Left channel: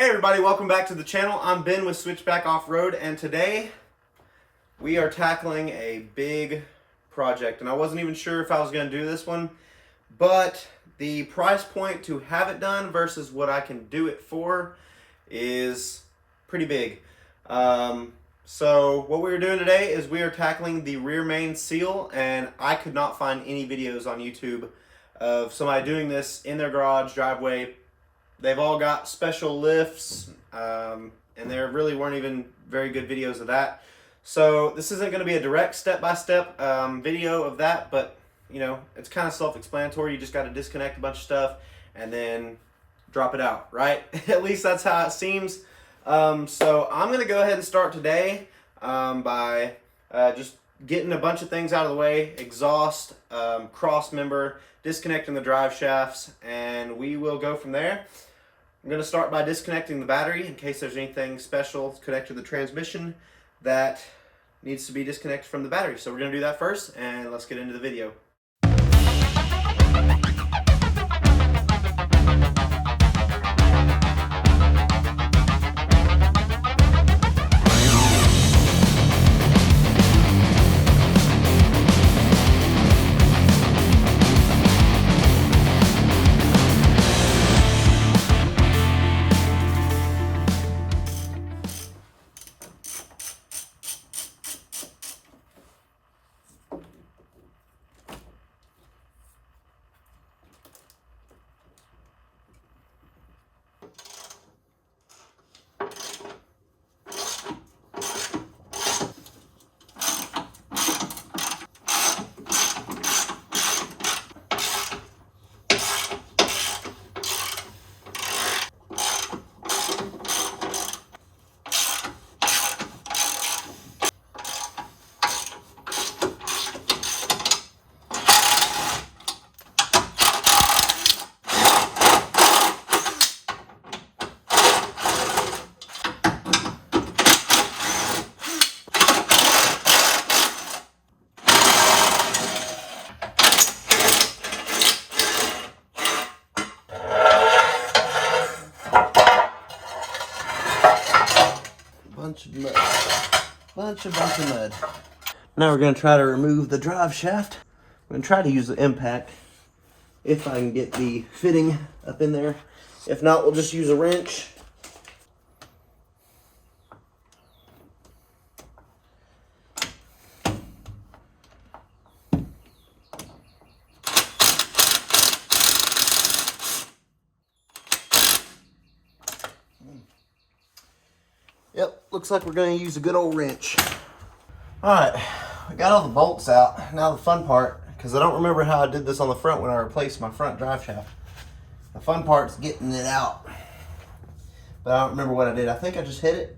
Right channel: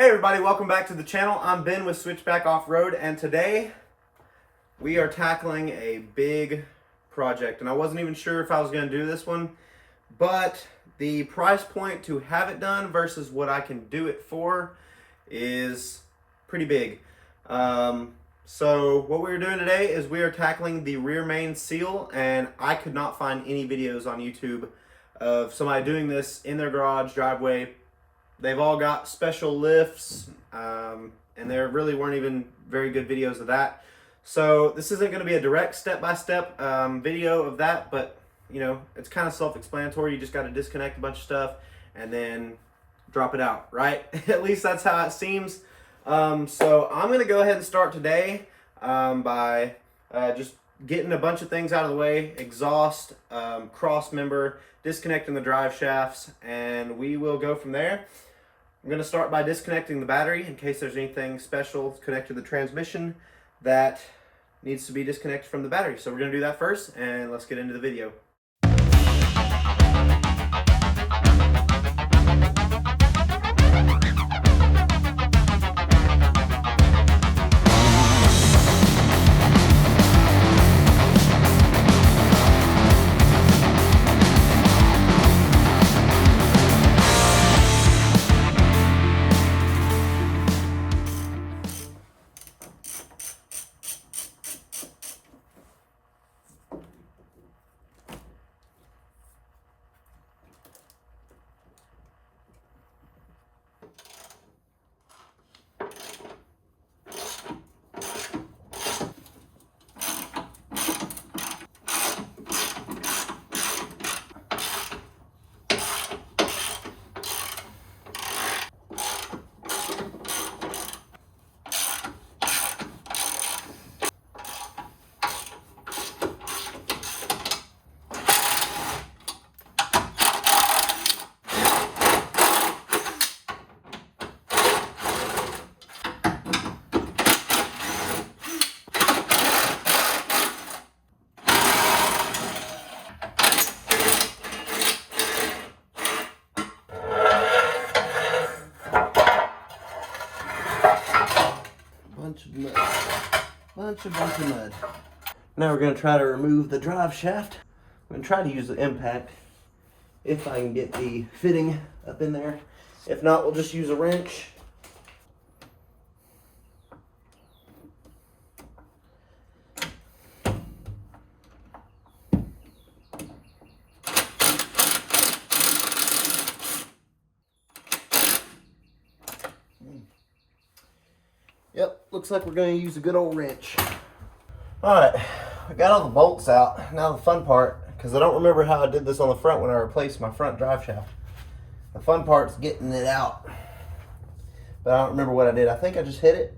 Hey everybody, welcome back to the channel. I'm Ben with Switchback Offroad, and today we are tackling a big project. And I wasn't even sure if I was going to do this one, but the price point to have it done versus what I can do it for is pretty big. So what we're doing today is we are tackling the rear main seal, and I could not find any videos on YouTube of somebody doing this in their garage, driveway. They've all got special lifts, and there really weren't even very good videos of that. So this isn't going to be a direct step-by-step video of that, but you know, it's kind of self-explanatory. You just got to disconnect a bunch of stuff and then drop it out, right? At least that's how it seems. So I'm going to go ahead and start today by just getting a bunch of things out of the way: exhaust, cross member, disconnecting the drive shafts, and we will go from there. I'm going to start by disconnecting the battery in case there's anything special connected to the transmission that needs to be disconnected from the battery. So we're going to do that first, and let's get into the video. Bunch of mud. Now we're going to try to remove the drive shaft. I'm going to try to use the impact if I can get the fitting up in there. If not, we'll just use a wrench. Yep, looks like we're going to use a good old wrench. Alright, I got all the bolts out. Now the fun part, because I don't remember how I did this on the front when I replaced my front drive shaft. The fun part's getting it out. But I don't remember what I did. I think I just hit it.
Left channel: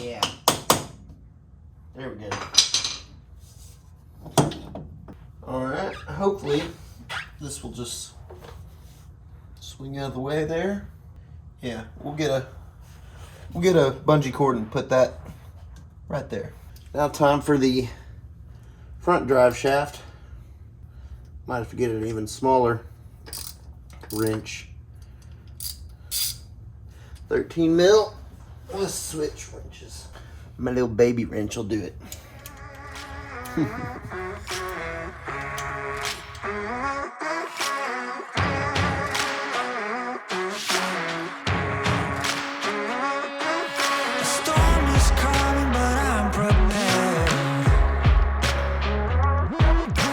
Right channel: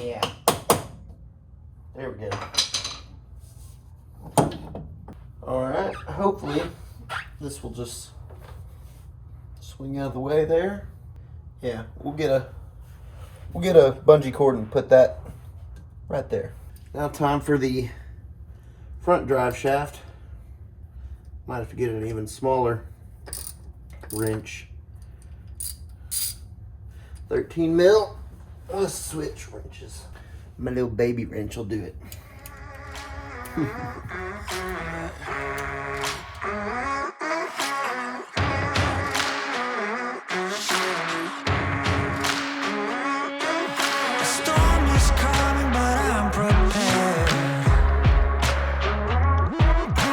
Yeah, there we go. All right, hopefully this will just swing out of the way there. Yeah, we'll get a bungee cord and put that right there. Now time for the front drive shaft. Might have to get an even smaller wrench. 13 mil. Let's switch wrenches. My little baby wrench will do it. The storm is coming, but I'm prepared.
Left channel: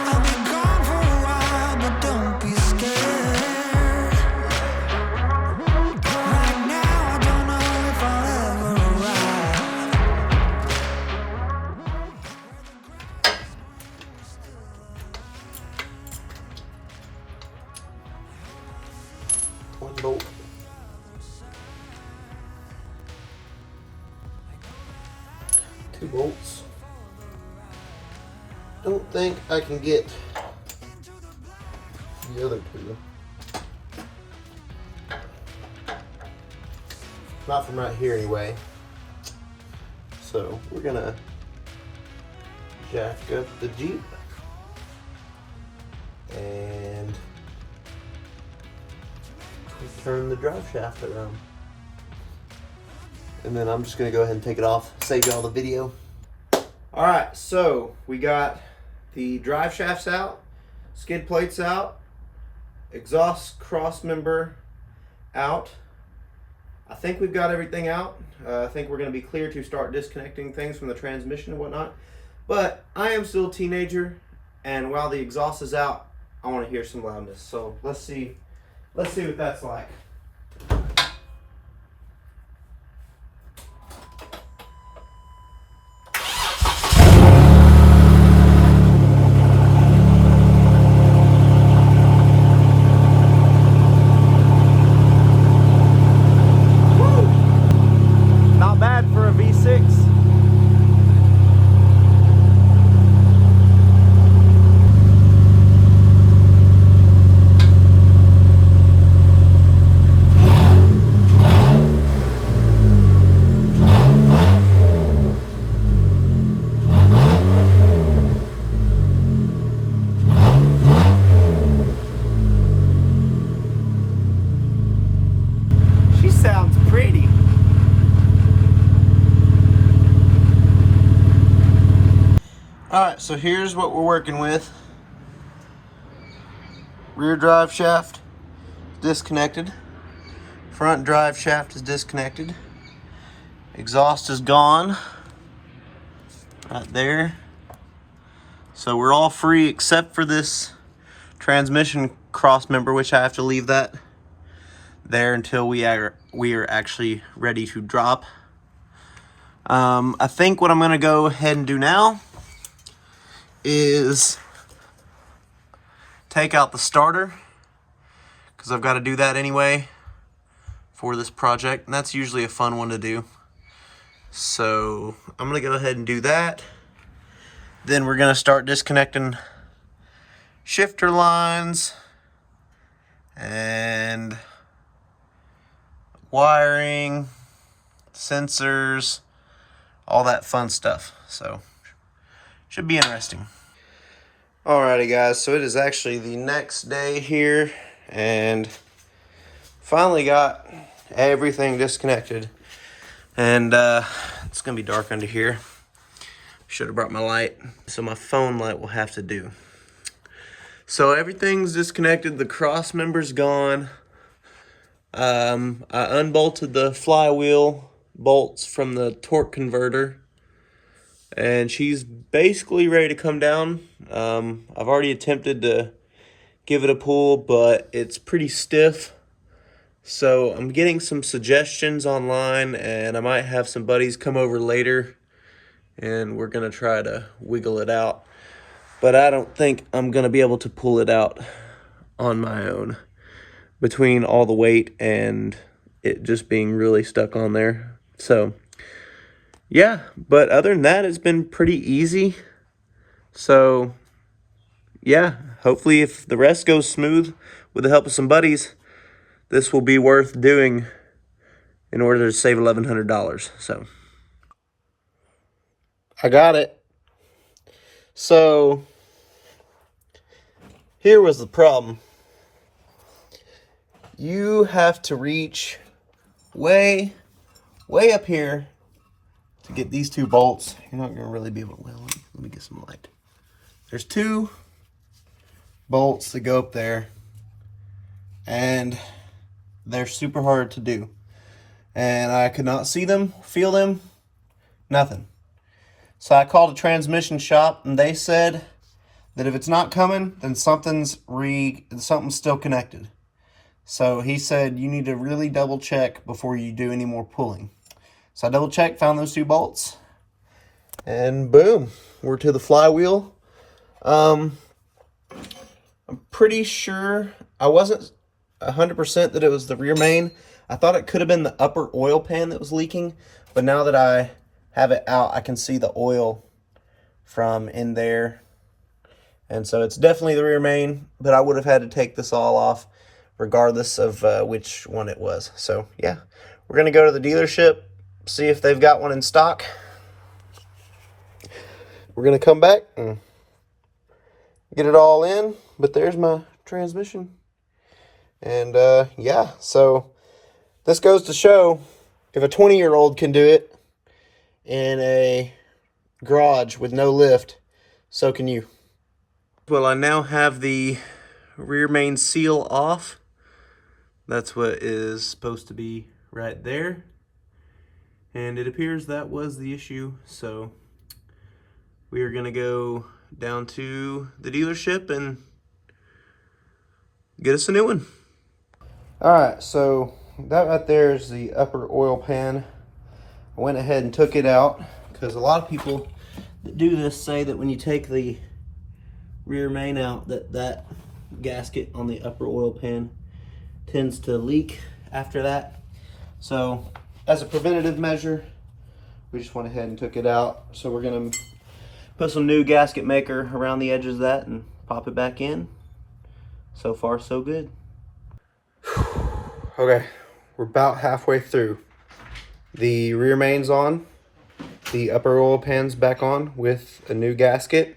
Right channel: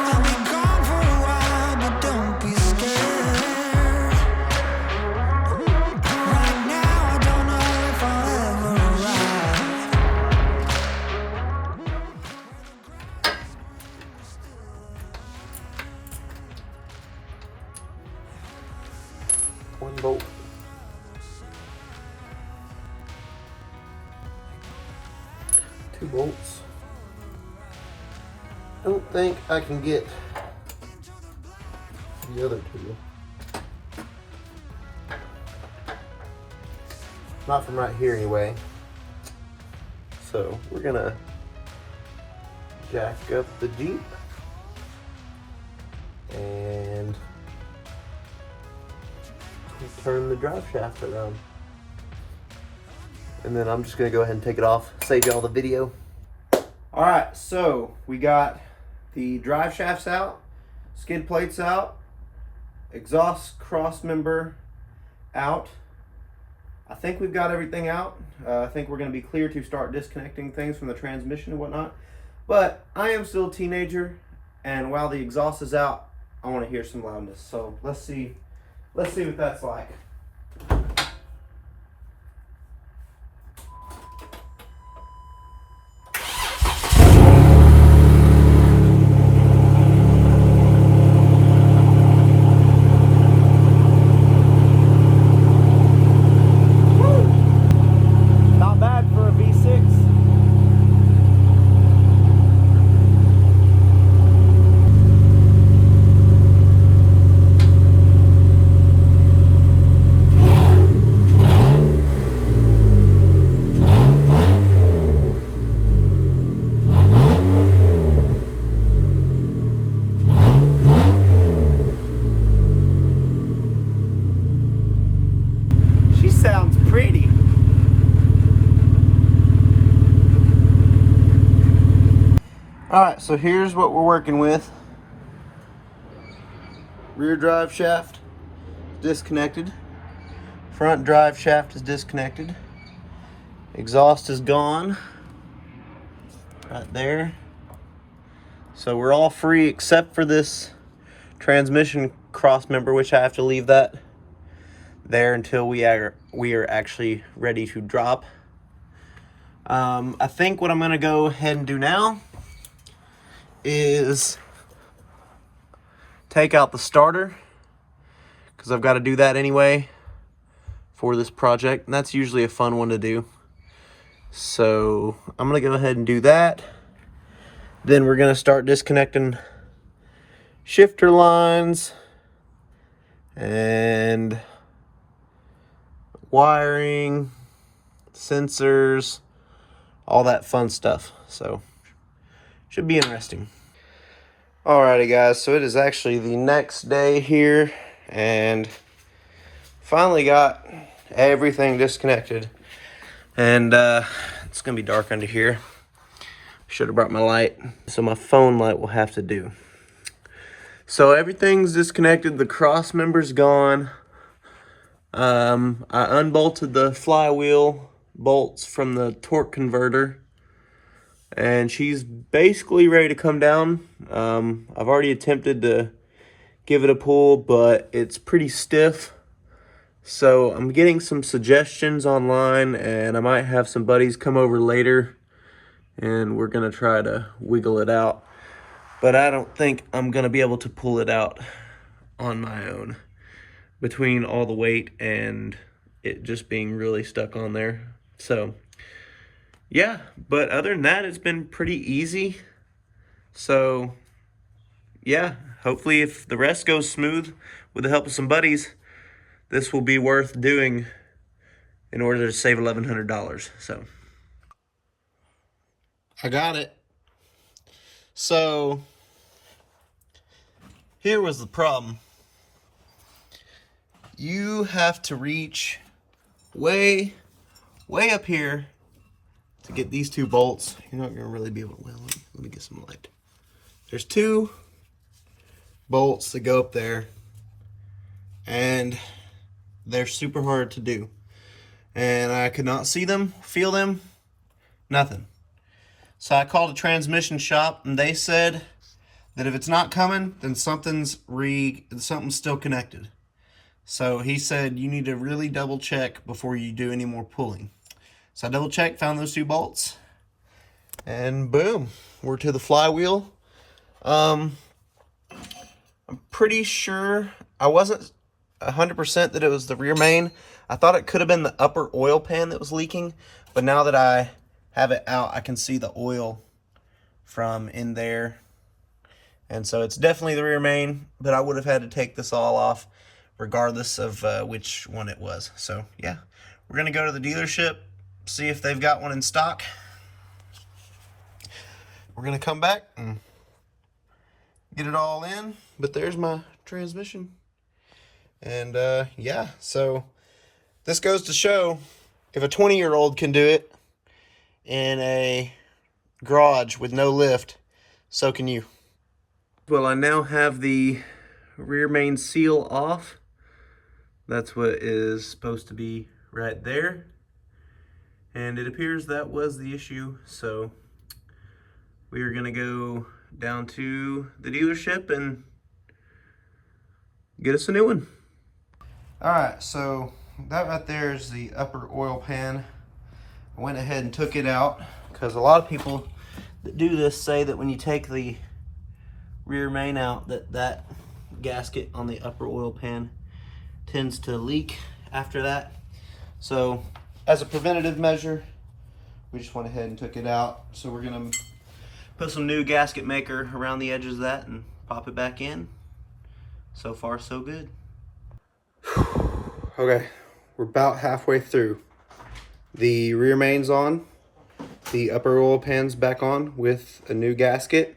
I'll be gone for a while, but don't be scared. Right now, I don't know if I'll ever One bolt. Two bolts. Don't think I can get the other two. Not from right here anyway. So we're gonna jack up the Jeep and turn the drive shaft around. And then I'm just gonna go ahead and take it off, save y'all the video. All right, so we got the drive shafts out, skid plates out, exhaust cross member out. I think we've got everything out. I think we're gonna be clear to start disconnecting things from the transmission and whatnot. But I am still a teenager, and while the exhaust is out, I wanna hear some loudness. So let's see what that's like. Sounds pretty. All right, so here's what we're working with. Rear drive shaft disconnected. Front drive shaft is disconnected. Exhaust is gone. Right there. So we're all free except for this transmission cross member, which I have to leave that there until we are actually ready to drop. I think what I'm gonna go ahead and do now is take out the starter, because I've got to do that anyway for this project, and that's usually a fun one to do. So I'm gonna go ahead and do that. Then we're gonna start disconnecting shifter lines and wiring, sensors, all that fun stuff. So should be interesting. Alrighty guys, so it is actually the next day here, and finally got everything disconnected. And it's gonna be dark under here. Should have brought my light, so my phone light will have to do. So everything's disconnected, the cross member's gone. I unbolted the flywheel bolts from the torque converter, and she's basically ready to come down. I've already attempted to give it a pull, but it's pretty stiff. So I'm getting some suggestions online, and I might have some buddies come over later, and we're gonna try to wiggle it out. But I don't think I'm gonna be able to pull it out on my own, between all the weight and it just being really stuck on there. So yeah, but other than that, it's been pretty easy. So yeah, hopefully if the rest goes smooth with the help of some buddies, this will be worth doing in order to save $1,100. So I got it. So here was the problem. You have to reach way up here to get these two bolts. You're not gonna really be able to, well, let me get some light. There's two bolts that go up there, and they're super hard to do. And I could not see them, feel them, nothing. So I called a transmission shop, and they said that if it's not coming, then something's still connected. So he said you need to really double check before you do any more pulling. So I double checked, found those two bolts, and boom, we're to the flywheel. I'm pretty sure, I wasn't 100% that it was the rear main. I thought it could have been the upper oil pan that was leaking, but now that I have it out, I can see the oil from in there. And so it's definitely the rear main, but I would have had to take this all off regardless of which one it was. So yeah, we're gonna go to the dealership, see if they've got one in stock. We're gonna come back and get it all in, but there's my transmission. And yeah, so this goes to show if a 20-year-old can do it in a garage with no lift, so can you. Well, I now have the rear main seal off. That's what is supposed to be right there. And it appears that was the issue, so we are gonna go down to the dealership and get us a new one. All right, so that right there is the upper oil pan. I went ahead and took it out because a lot of people that do this say that when you take the rear main out, that gasket on the upper oil pan tends to leak after that. So as a preventative measure, we just went ahead and took it out. So we're gonna put some new gasket maker around the edges of that and pop it back in. So far, so good. Okay, we're about halfway through. The rear main's on, the upper oil pan's back on with a new gasket.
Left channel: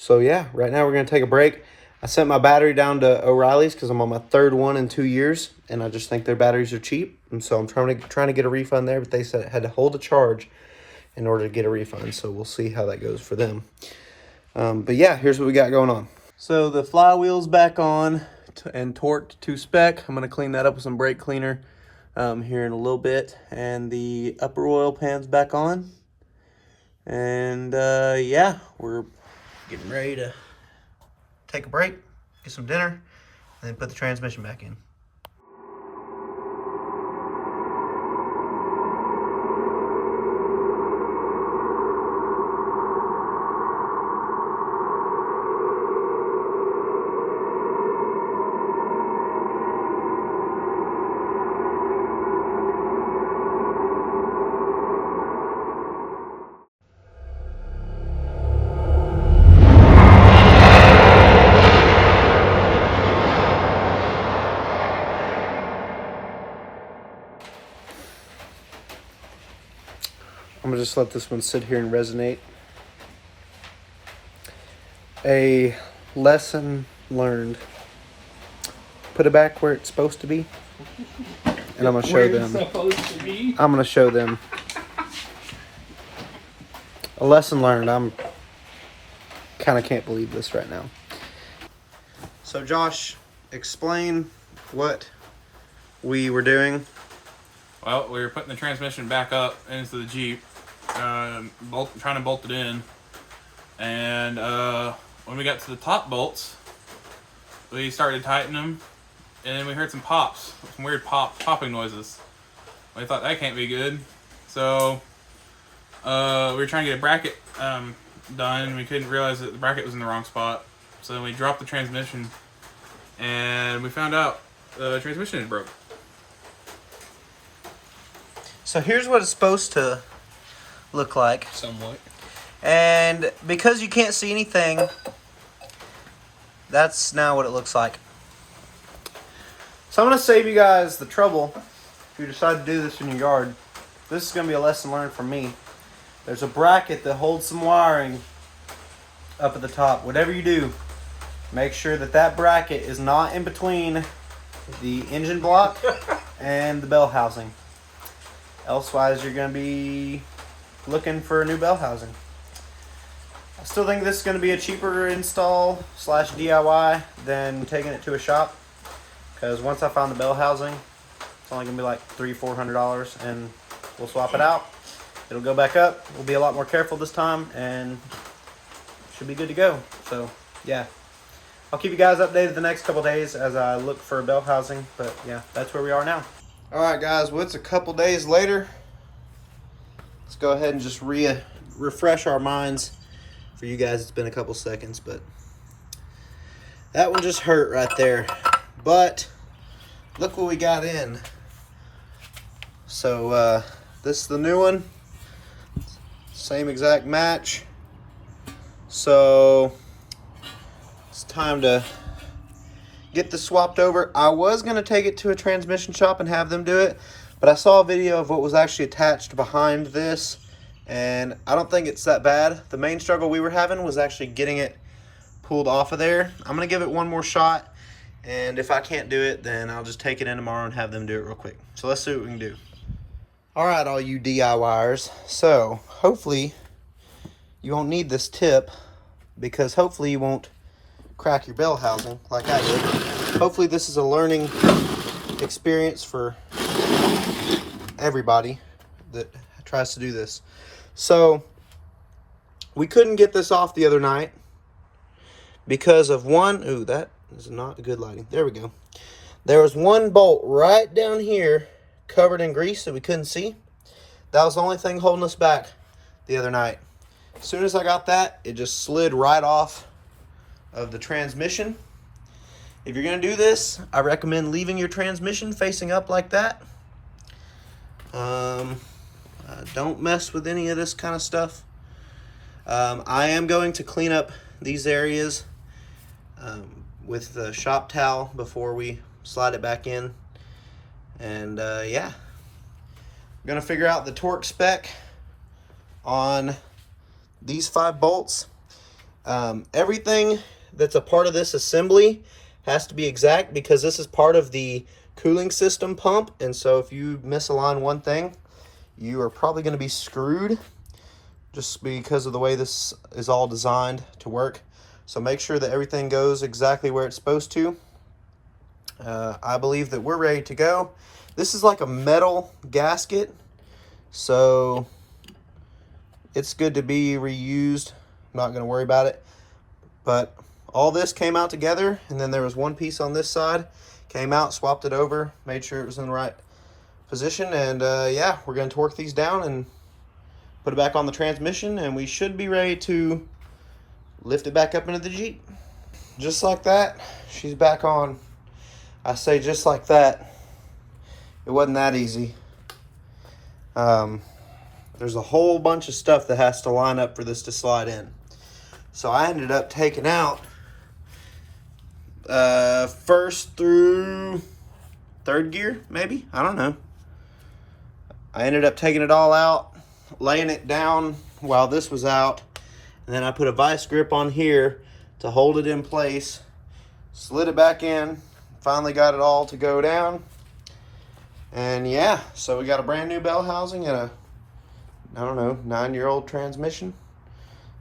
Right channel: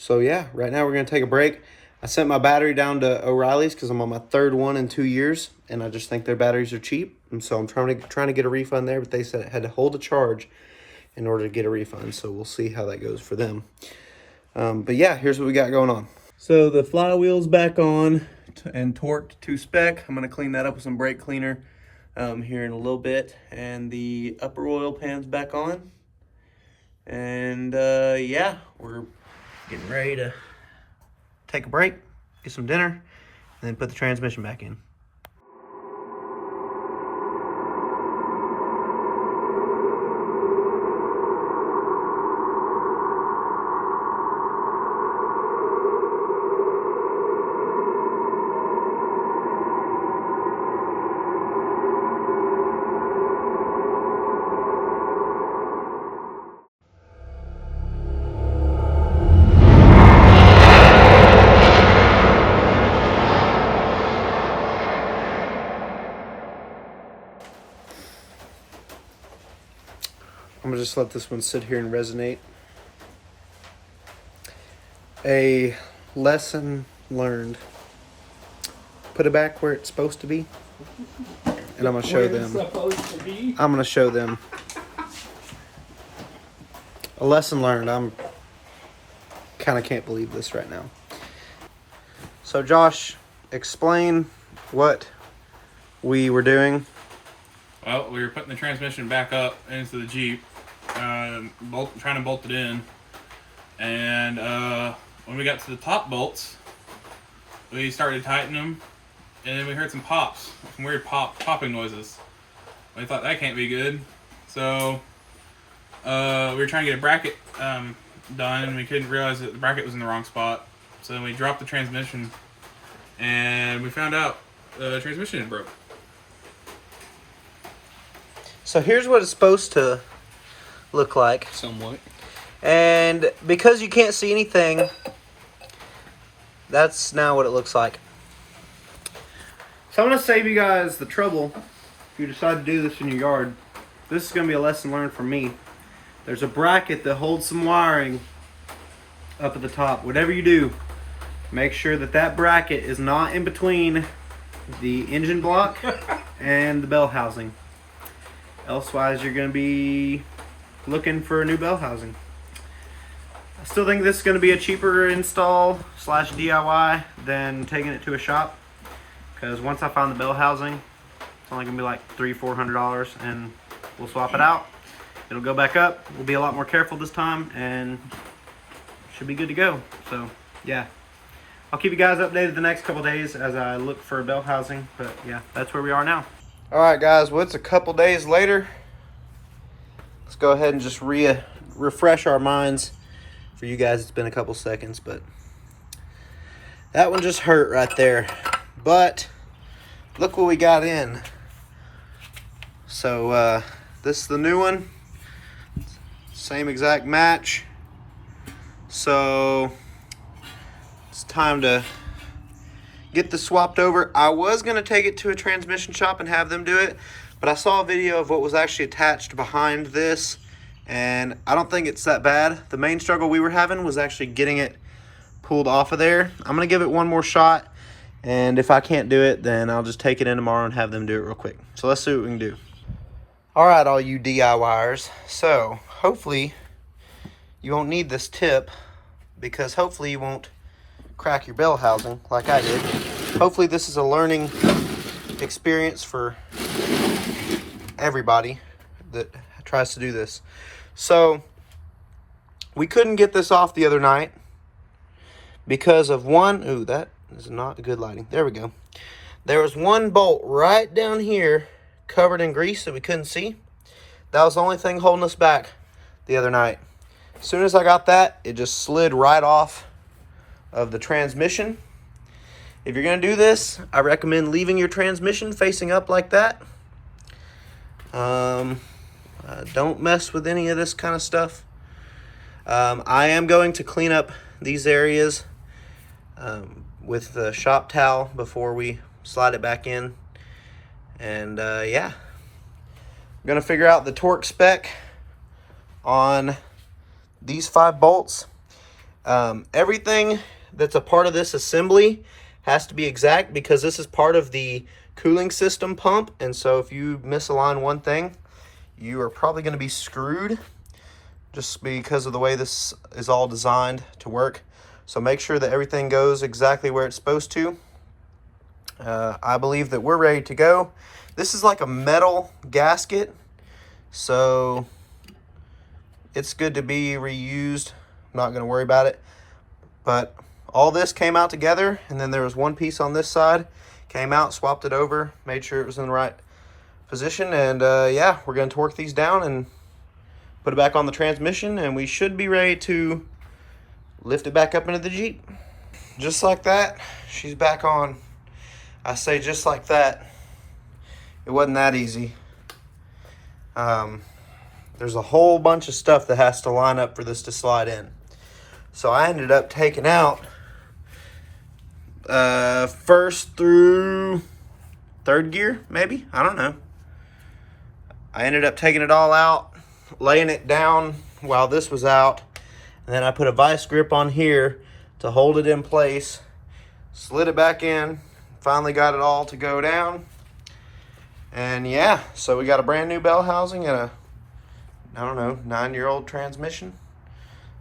So yeah, right now we're gonna take a break. I sent my battery down to O'Reilly's because I'm on my third one in 2 years, and I just think their batteries are cheap. And so I'm trying to get a refund there, but they said it had to hold a charge in order to get a refund. So we'll see how that goes for them. But yeah, here's what we got going on. So the flywheel's back on and torqued to spec. I'm gonna clean that up with some brake cleaner here in a little bit. And the upper oil pan's back on. And yeah, we're getting ready to take a break, get some dinner, and then put the transmission back in. I'm gonna just let this one sit here and resonate. A lesson learned. Put it back where it's supposed to be. And I'm gonna show them. I'm gonna show them. A lesson learned. I'm kind of can't believe this right now. So Josh, explain what we were doing. Well, we were putting the transmission back up into the Jeep, trying to bolt it in, and when we got to the top bolts, we started tightening them, and then we heard some pops, some weird popping noises. We thought that can't be good, so we were trying to get a bracket done, and we couldn't realize that the bracket was in the wrong spot. So then we dropped the transmission, and we found out the transmission had broke. So here's what it's supposed to look like. Somewhat. And because you can't see anything, that's now what it looks like. So I'm going to save you guys the trouble if you decide to do this in your yard. This is going to be a lesson learned from me. There's a bracket that holds some wiring up at the top. Whatever you do, make sure that that bracket is not in between the engine block and the bell housing. Elsewise, you're going to be looking for a new bell housing. I still think this is going to be a cheaper install / DIY than taking it to a shop. Because once I find the bell housing, it's only going to be like $300-400, and we'll swap it out. It'll go back up. We'll be a lot more careful this time, and should be good to go. So, yeah. I'll keep you guys updated the next couple days as I look for a bell housing. But, yeah, that's where we are now. Alright guys, well it's a couple days later. Let's go ahead and just refresh our minds. For you guys it's been a couple seconds, but that one just hurt right there. But look what we got in. So this is the new one. Same exact match. So it's time to get this swapped over. I was gonna take it to a transmission shop and have them do it, but I saw a video of what was actually attached behind this, and I don't think it's that bad. The main struggle we were having was actually getting it pulled off of there. I'm gonna give it one more shot, and if I can't do it, then I'll just take it in tomorrow and have them do it real quick. So let's see what we can do. All right, all you DIYers. So hopefully you won't need this tip, because hopefully you won't crack your bell housing like I did. Hopefully this is a learning experience for everybody that tries to do this. So we couldn't get this off the other night because of one, ooh, that is not good lighting. There we go. There was one bolt right down here covered in grease that we couldn't see. That was the only thing holding us back the other night. As soon as I got that, it just slid right off of the transmission. If you're gonna do this, I recommend leaving your transmission facing up like that. Don't mess with any of this kind of stuff. I am going to clean up these areas with the shop towel before we slide it back in. And yeah, I'm gonna figure out the torque spec on these 5 bolts. Everything that's a part of this assembly has to be exact, because this is part of the cooling system pump, and so if you misalign one thing, you are probably going to be screwed, just because of the way this is all designed to work. So make sure that everything goes exactly where it's supposed to. I believe that we're ready to go. This is like a metal gasket, so it's good to be reused. I'm not going to worry about it. But all this came out together, and then there was one piece on this side. Came out, swapped it over, made sure it was in the right position, and yeah, we're going to torque these down and put it back on the transmission, and we should be ready to lift it back up into the Jeep. Just like that, she's back on. I say just like that. It wasn't that easy. There's a whole bunch of stuff that has to line up for this to slide in. So I ended up taking out first through 3rd gear, maybe? I don't know. I ended up taking it all out, laying it down while this was out, and then I put a vice grip on here to hold it in place, slid it back in, finally got it all to go down. And yeah, so we got a brand new bell housing and a, I don't know, 9-year-old transmission.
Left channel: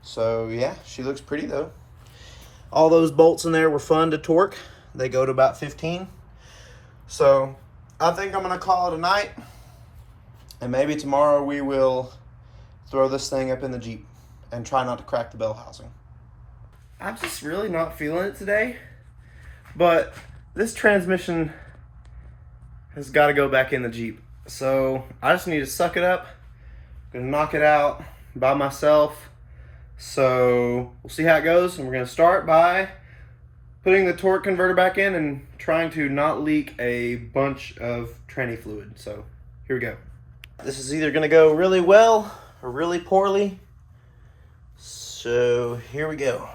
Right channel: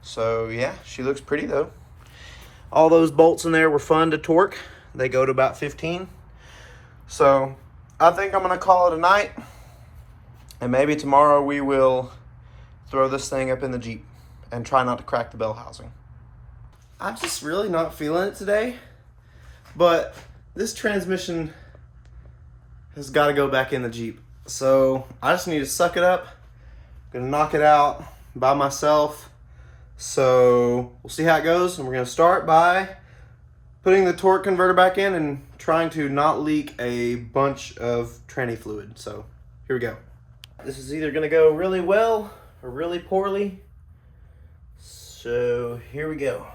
So yeah, she looks pretty though. All those bolts in there were fun to torque. They go to about 15. So I think I'm gonna call it a night, and maybe tomorrow we will throw this thing up in the Jeep and try not to crack the bell housing. I'm just really not feeling it today, but this transmission has got to go back in the Jeep. So I just need to suck it up. I'm gonna knock it out by myself. So we'll see how it goes, and we're gonna start by putting the torque converter back in and trying to not leak a bunch of tranny fluid. So here we go. This is either gonna go really well or really poorly. So here we go.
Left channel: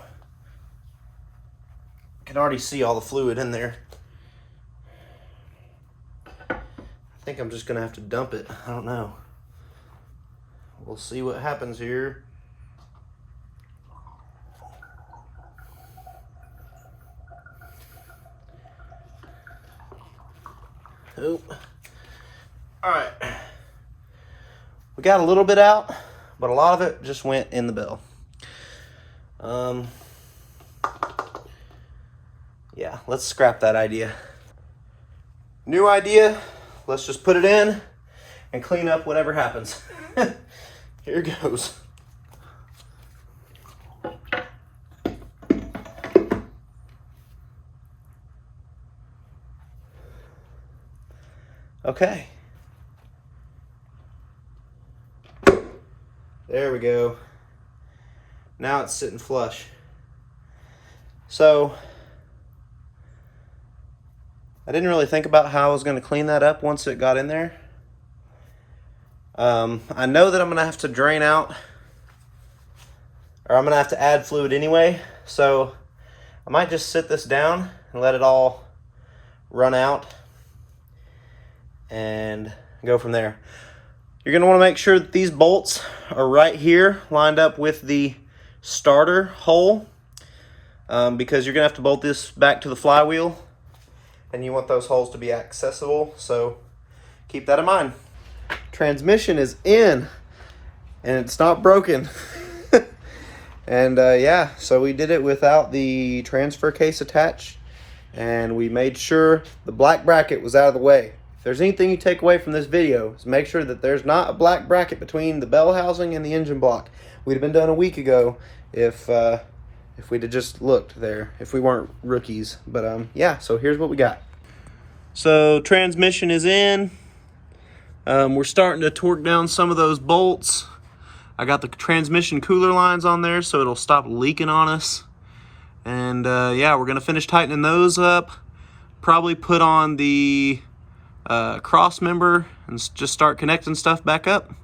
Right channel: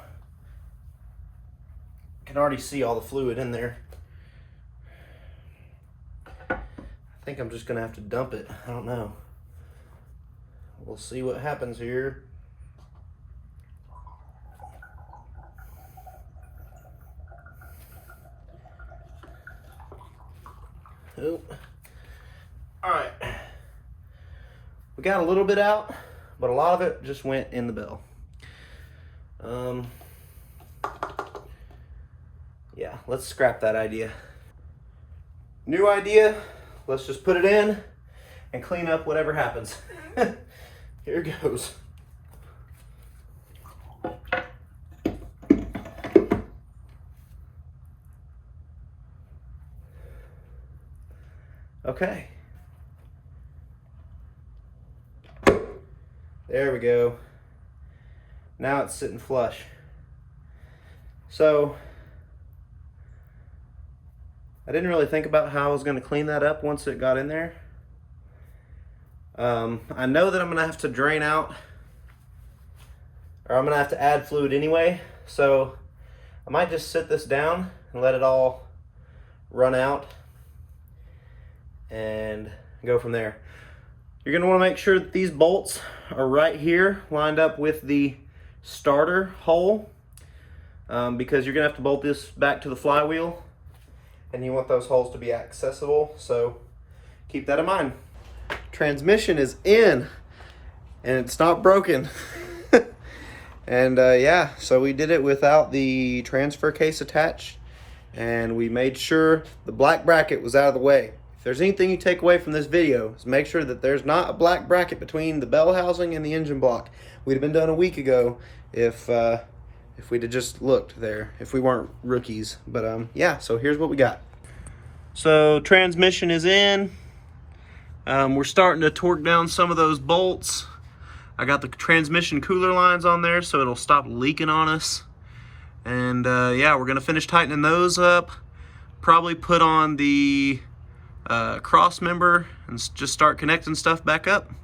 I can already see all the fluid in there. I think I'm just gonna have to dump it. I don't know. We'll see what happens here. Oh. All right. We got a little bit out, but a lot of it just went in the bell. Yeah, let's scrap that idea. New idea. Let's just put it in and clean up whatever happens. Here goes. Okay. There we go. Now it's sitting flush. So I didn't really think about how I was going to clean that up once it got in there. I know that I'm going to have to drain out or I'm gonna have to add fluid anyway. So I might just sit this down and let it all run out and go from there. You're gonna wanna make sure that these bolts are right here, lined up with the starter hole, because you're gonna have to bolt this back to the flywheel, and you want those holes to be accessible, so keep that in mind. Transmission is in, and it's not broken. And yeah, so we did it without the transfer case attached, and we made sure the black bracket was out of the way. If there's anything you take away from this video, is make sure that there's not a black bracket between the bell housing and the engine block. We'd have been done a week ago if we'd have just looked there, if we weren't rookies. But yeah, so here's what we got. So transmission is in. We're starting to torque down some of those bolts. I got the transmission cooler lines on there so it'll stop leaking on us. And yeah, we're gonna finish tightening those up. Probably put on the cross member and just start connecting stuff back up.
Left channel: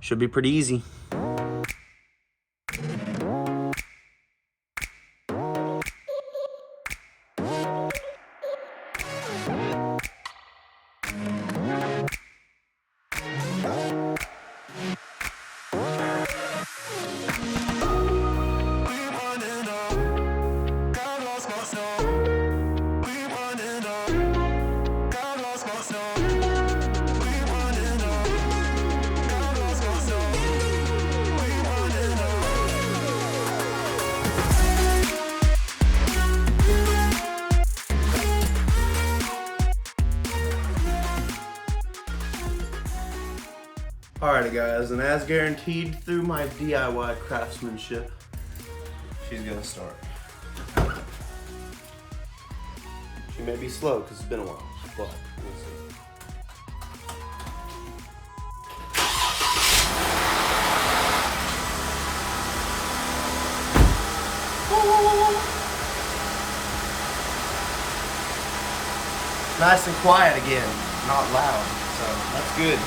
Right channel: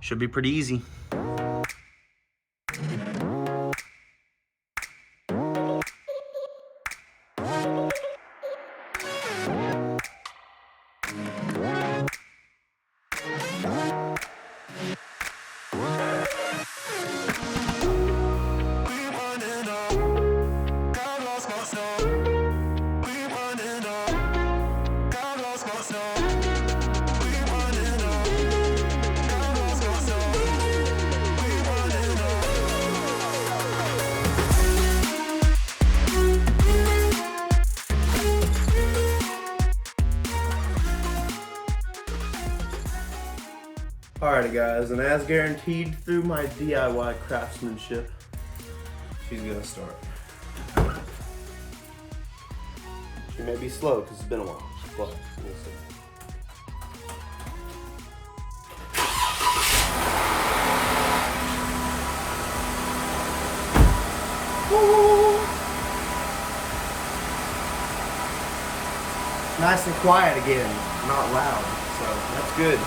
Should be pretty easy. Alrighty guys, and as guaranteed through my DIY craftsmanship, she's gonna start. She may be slow because it's been a while, but we'll see. Nice and quiet again, not loud, so that's good.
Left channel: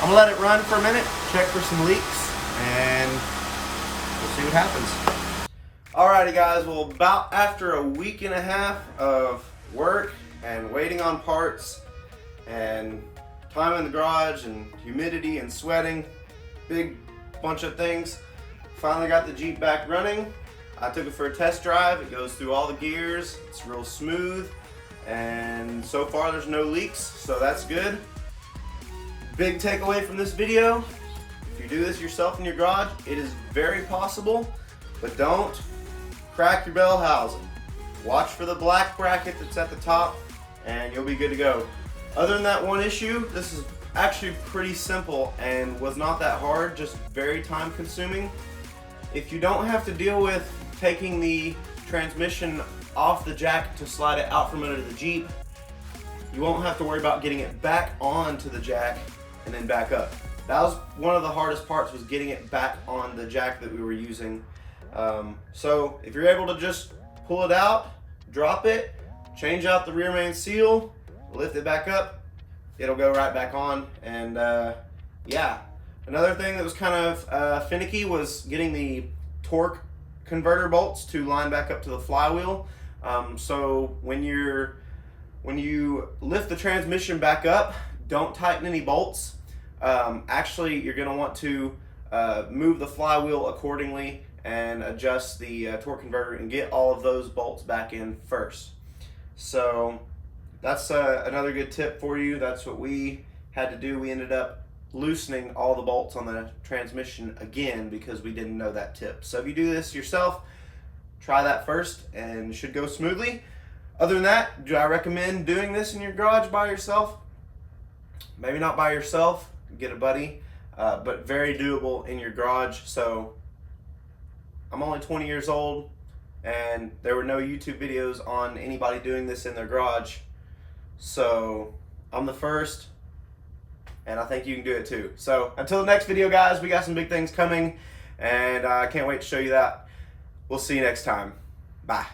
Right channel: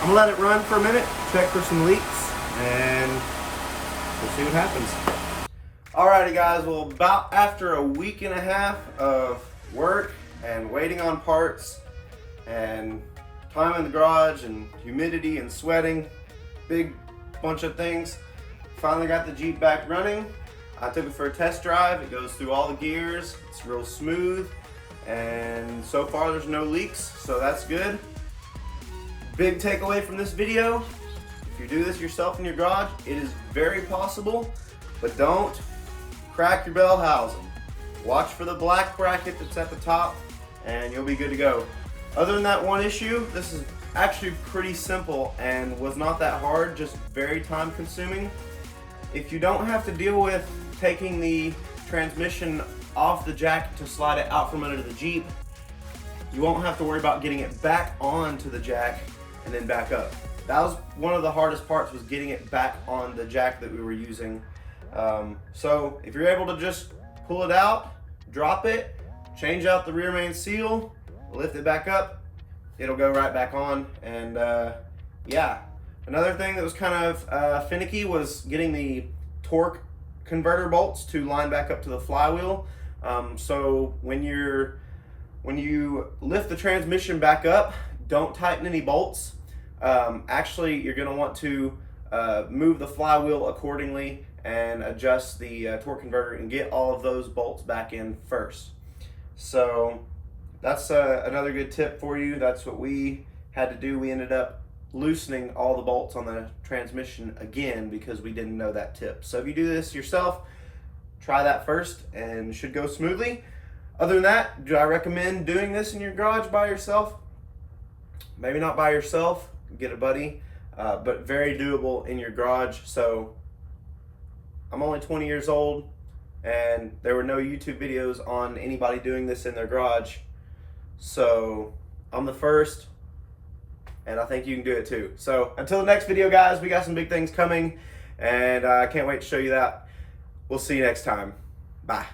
I'm gonna let it run for a minute, check for some leaks, and we'll see what happens. Alrighty guys, well, about after a week and a half of work and waiting on parts and time in the garage and humidity and sweating, big bunch of things, finally got the Jeep back running. I took it for a test drive. It goes through all the gears, it's real smooth, and so far there's no leaks, so that's good. Big takeaway from this video, if you do this yourself in your garage, it is very possible, but don't crack your bell housing. Watch for the black bracket that's at the top and you'll be good to go. Other than that one issue, this is actually pretty simple and was not that hard, just very time consuming. If you don't have to deal with taking the transmission off the jack to slide it out from under the Jeep, you won't have to worry about getting it back onto the jack and then back up. That was one of the hardest parts, was getting it back on the jack that we were using. So if you're able to just pull it out, drop it, change out the rear main seal, lift it back up, it'll go right back on. And yeah, another thing that was kind of finicky was getting the torque converter bolts to line back up to the flywheel. So when you lift the transmission back up, don't tighten any bolts. Actually, you're going to want to move the flywheel accordingly and adjust the torque converter and get all of those bolts back in first. So that's another good tip for you. That's what we had to do. We ended up loosening all the bolts on the transmission again because we didn't know that tip. So if you do this yourself, try that first and it should go smoothly. Other than that, do I recommend doing this in your garage by yourself? Maybe not by yourself, get a buddy, but very doable in your garage. So I'm only 20 years old and there were no YouTube videos on anybody doing this in their garage. So I'm the first and I think you can do it too. So until the next video guys, we got some big things coming and I can't wait to show you that. We'll see you next time. Bye.